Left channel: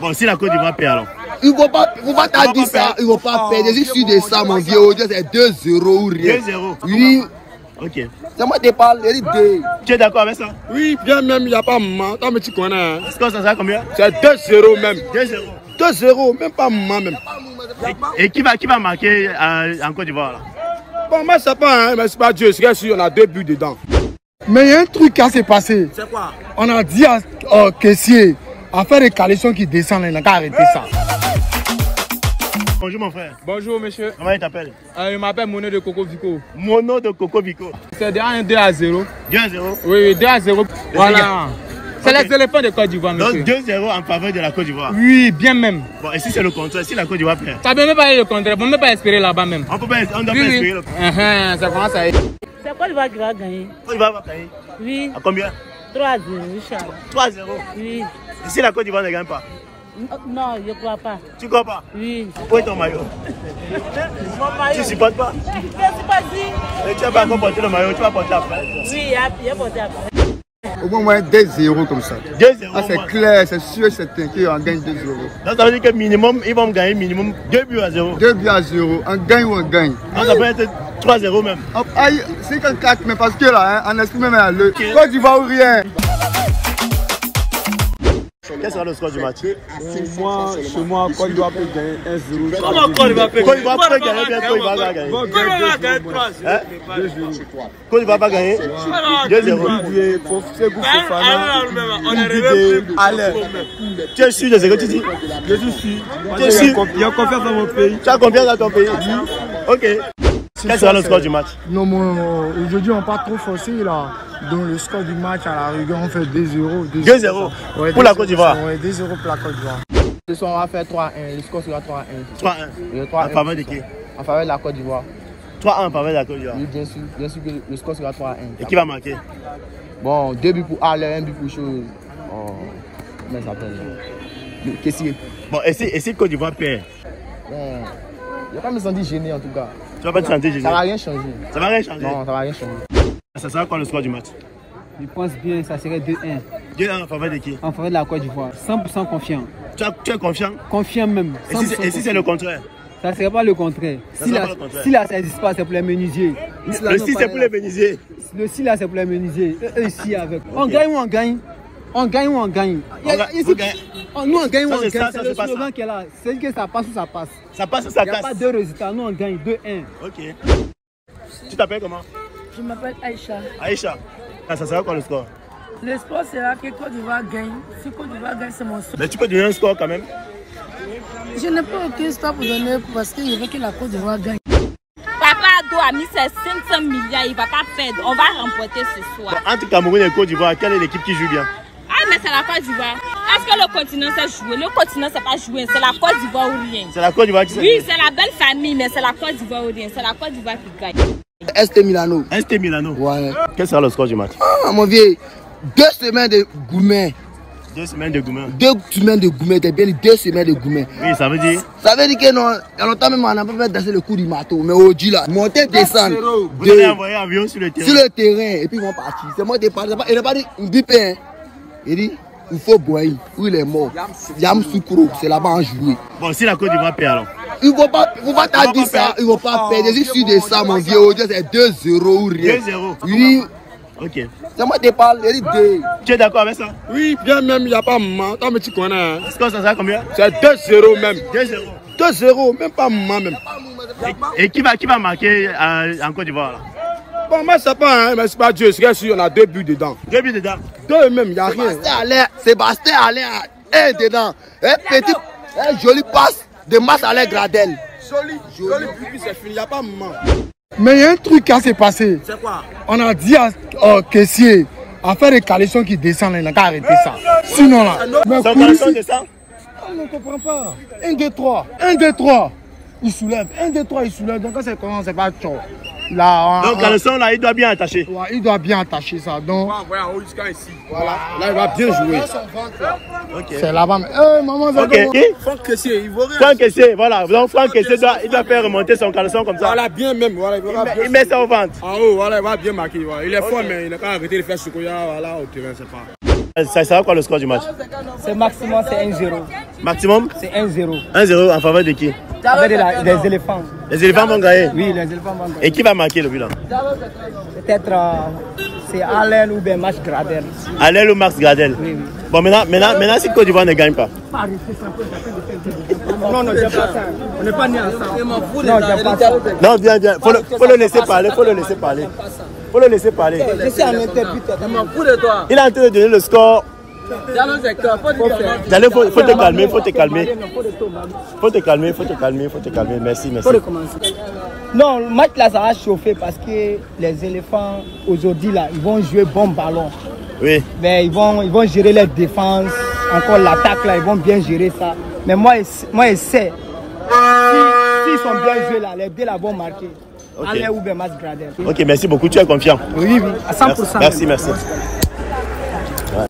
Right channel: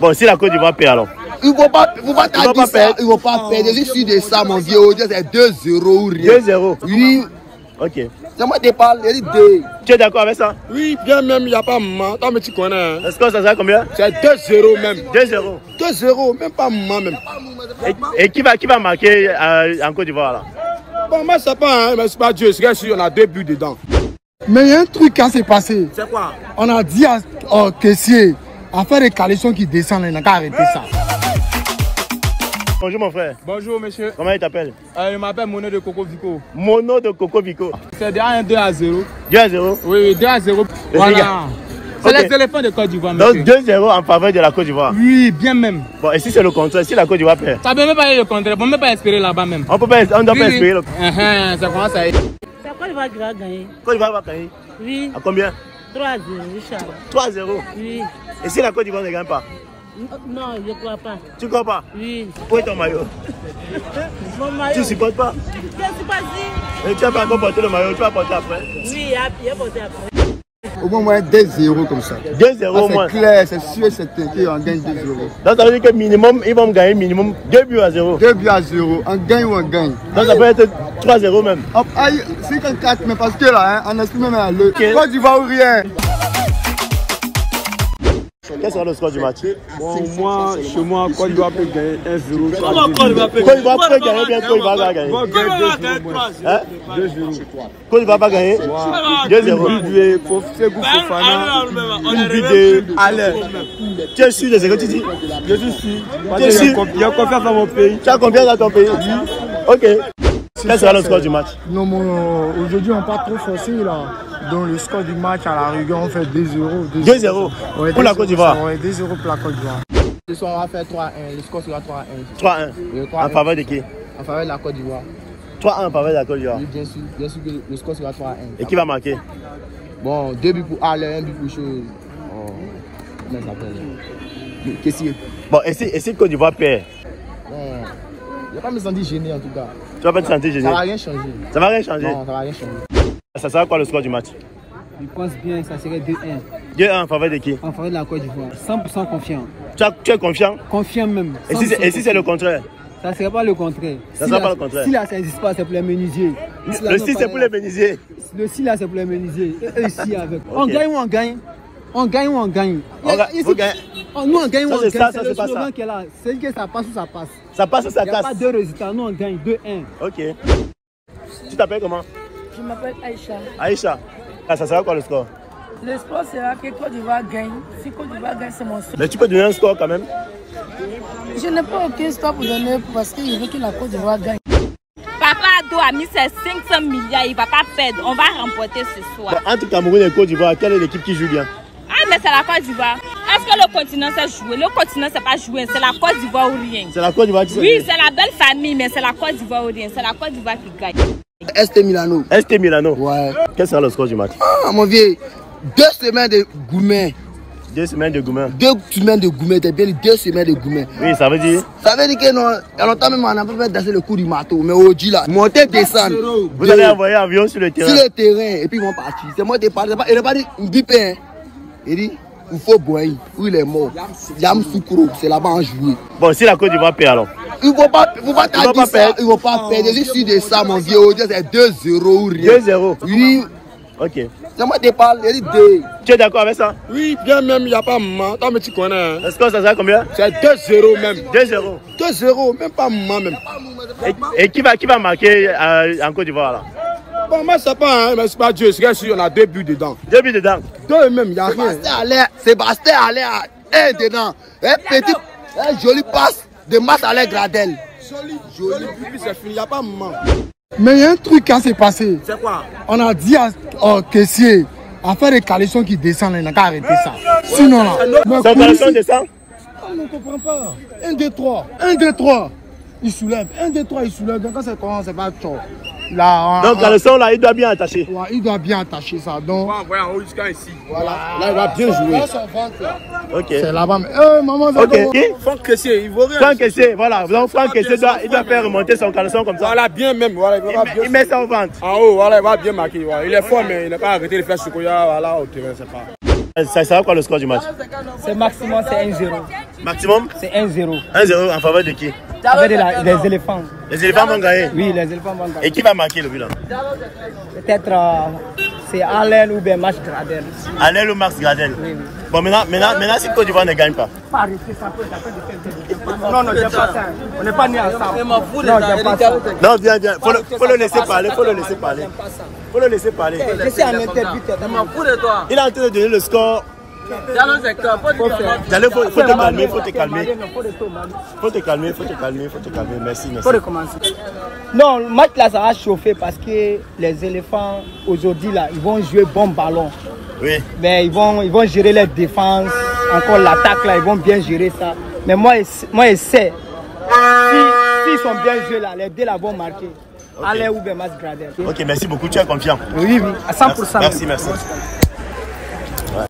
Bon, si la Côte d'Ivoire perd alors. Ils vont pas perdre. Ils vont pas perdre. Je suis sûr de ça, mon vieux. C'est 2-0 ou rien. 2-0. Oui. Ok. C'est moi qui parle, il dit 2. Tu es d'accord avec ça? Oui, bien même, il n'y a pas maman. Toi, mais tu connais. Est-ce que ça sera combien? C'est 2-0 même. 2-0. 2-0, même pas maman même. Et qui va marquer en Côte d'Ivoire là? Bon, moi, c'est pas, hein, mais c'est pas Dieu. C'est sûr, on a 2 buts dedans. Mais il y a un truc qui s'est passé. C'est quoi? On a dit à caissier, à faire des caleçons qui descendent, il n'a qu'à arrêter ça. Bonjour mon frère. Bonjour monsieur. Comment il t'appelle? Je m'appelle Mono de Coco Vico. Mono de Coco Vico. C'est 2-0. 2-0? Oui, 2-0. Voilà. C'est Okay. les éléphants de Côte d'Ivoire. Donc 2-0 en faveur de la Côte d'Ivoire. Oui, bien même. Bon, et si c'est le contraire, si la Côte d'Ivoire perd? Ça ne peut même pas être le contraire, on ne peut même pas espérer là-bas même. On doit pas espérer le Ça commence à être. C'est Côte d'Ivoire qui va gagner. Côte d'Ivoire va gagner? Oui. À combien? 3-0, Inch'Allah. 3-0? Oui. Et si la Côte d'Ivoire ne gagne pas? Non, je ne crois pas. Tu crois pas? Oui. Où est ton maillot? Mon maillot. Tu ne supportes pas? Je ne suis pas dit. Et tu vas pas encore porter le maillot, tu vas porter après? Oui, il a porté après. Au moins 2-0 comme ça. 2-0 au moins. C'est clair, c'est sûr, c'est qu'on gagne 2-0. Donc ça veut dire que minimum, ils vont gagner minimum 2-0. 2-0, on gagne ou on gagne. Donc ça peut être 3-0 même. C'est qu'on 4, mais parce qu'on esprit même à le Côte d'Ivoire ou rien. Quel sera le score du match? Bon, moi, chez moi, Côte d'Ivoire peut gagner 1-0. Comment Côte d'Ivoire peut gagner? Bien Côte d'Ivoire va gagner. 2-0. Côte d'Ivoire va gagner 2-0. Tu es sûr de ce que tu dis? Je suis sûr. Tu es sûr? Il y a confiance dans mon pays. Tu as confiance dans ton pays? Ok. Quel sera le score du match? Non, aujourd'hui on n'est pas trop forcé là. Donc le score du match à la rigueur on fait 2-0. 2-0 ouais, pour la Côte d'Ivoire. Ouais, 2-0 pour la Côte d'Ivoire. Ce soir, on va faire 3-1. Le score sera 3-1. 3-1. En faveur de qui? En faveur de la Côte d'Ivoire. 3-1 en faveur de la Côte d'Ivoire. Oui, bien sûr que le score sera 3-1. Et qui va marquer? Bon, 2 buts pour Alain, 1 but pour Chose. Comment ça s'appelle? Caissier. Bon, et si Côte d'Ivoire perd? Bon, je ne vais pas me sentir gêné en tout cas. Tu vas pas te sentir gêné? Ça ne va rien changer. Ça va rien changer? Non, ça va rien changer. Ça sera quoi le score du match? Je pense bien que ça serait 2-1. 2-1 en faveur de qui? En faveur de la Côte d'Ivoire. 100% confiant. Tu es confiant? Confiant même. Et si c'est le contraire? Ça ne serait pas le contraire. Ça sera pas le contraire. Si là, ça n'existe pas, c'est pour les menuisiers. Le 6 c'est pour les menuisiers. Le 6 là, c'est pour les menuisiers. Ici avec. On gagne ou on gagne? On gagne ou on gagne? Nous on gagne ou on gagne? C'est le slogan qui est là. C'est que ça passe ou ça passe. Ça passe ou ça casse? Il n'y a pas deux résultats. Nous on gagne 2-1. Ok. Tu t'appelles comment? Je m'appelle Aïcha. Aïcha. Ça sera quoi le score? Le score sera que Côte d'Ivoire gagne. Si Côte d'Ivoire gagne, c'est mon score. Mais tu peux donner un score quand même? Je n'ai pas aucun score pour donner parce que je veux que la Côte d'Ivoire gagne. Papa Ado a mis ses 500 milliards, il ne va pas perdre. On va remporter ce soir. Mais entre Cameroun et Côte d'Ivoire, quelle est l'équipe qui joue bien? Ah, mais c'est la Côte d'Ivoire. Est-ce que le continent sait jouer? Le continent ne sait pas jouer. C'est la Côte d'Ivoire ou rien. C'est la Côte d'Ivoire qui sait Oui, jouer. c'est la belle famille, mais c'est la Côte d'Ivoire ou rien. C'est la Côte d'Ivoire qui gagne. ST Milano. ST Milano. Ouais. Quel sera le score du match? Mon vieux, 2 semaines de gourmet. 2 semaines de Goumen. 2 semaines de gourmet, t'as bien dit 2 semaines de gourmet. Oui, ça veut dire? Ça veut dire que non, il y a longtemps même on a pu mettre danser le coup du marteau, mais aujourd'hui là, monter, descendre. Vous allez envoyer un avion sur le terrain? Sur le terrain, et puis ils vont partir. C'est moi qui parle, il n'a pas dit bipé. Il dit, il faut boire, où il est mort. Yam Soukourou, c'est là-bas en juillet. Bon, si la Côte d'Ivoire perd alors? Ils ne vont pas perdre. Ils vont pas perdre. Je suis sûr de ça, mon vieux. C'est 2-0 ou rien. 2-0? Oui. Ok. C'est moi qui parle, il dit 2. Tu es d'accord avec ça? Oui, bien même, il n'y a pas maman. Toi, mais tu connais. Est-ce que ça sera combien? C'est 2-0 même. 2-0? 2-0, même pas maman même. Et qui va marquer en Côte d'Ivoire là? Bon, moi, c'est pas, hein, mais c'est pas Dieu. C'est sûr, on a 2 buts dedans. 2 buts dedans? 2 même, il n'y a rien. Sébastien allait à 1 dedans. Un joli passe de Masse Alain Gradel. Joli, c'est fini, il n'y a pas maman. Mais il y a un truc qui s'est passé. C'est quoi? On a dit à caissier, à faire des caleçons qui descendent, il n'a qu'à arrêter ça. Sinon là. C'est un caleçon de ça? On ne comprend pas. 1, 2, 3. 1, 2, 3. Il soulève. 1, 2, 3, il soulève. Donc quand c'est comment, c'est pas tchou. Donc caleçon là, il doit bien attacher. Ouais, il doit bien attacher ça. Donc. On va en haut jusqu'à ici. Voilà. Là, il va bien jouer. Ok. C'est là-bas. Maman, ok. Franck Caissier, il vaut rien. Franck Caissier, voilà. Donc Franck Caissier il doit faire remonter son caleçon comme ça. Voilà, bien même. Voilà, il met ça au ventre. En haut, voilà, il va bien marquer. Voilà. Il est fort, mais il n'a pas arrêté de faire ce qu'il y a là au terrain, c'est pas. Ça sera quoi le score du match? C'est maximum, c'est 1-0. Maximum? C'est 1-0. 1-0 en faveur de qui? Avec les éléphants. Les éléphants vont gagner? Oui, les éléphants vont gagner. Et qui va marquer le but là? Peut-être c'est Alain ou bien Max Gradel. Alain ou Max Gradel? Oui, oui. Bon, maintenant si Côte d'Ivoire ne gagne pas. Non, j'aime pas ça. On n'est pas nés ensemble. Non, j'aime pas ça. Non, viens. Faut le laisser parler. Faut le laisser parler. Je suis en interview. Il est en train de donner le score. Faut te calmer. Merci. Non, le match là, ça va chauffer parce que les éléphants, aujourd'hui là, ils vont jouer bon ballon. Oui. Mais ils vont gérer les défenses, encore l'attaque là, ils vont bien gérer ça. Mais moi, je sais, s'ils sont bien joués là, les deux là vont marquer. Okay. Alain ou bien Max Gradel. Ok, merci beaucoup, tu es confiant? Oui, à 100%. Merci.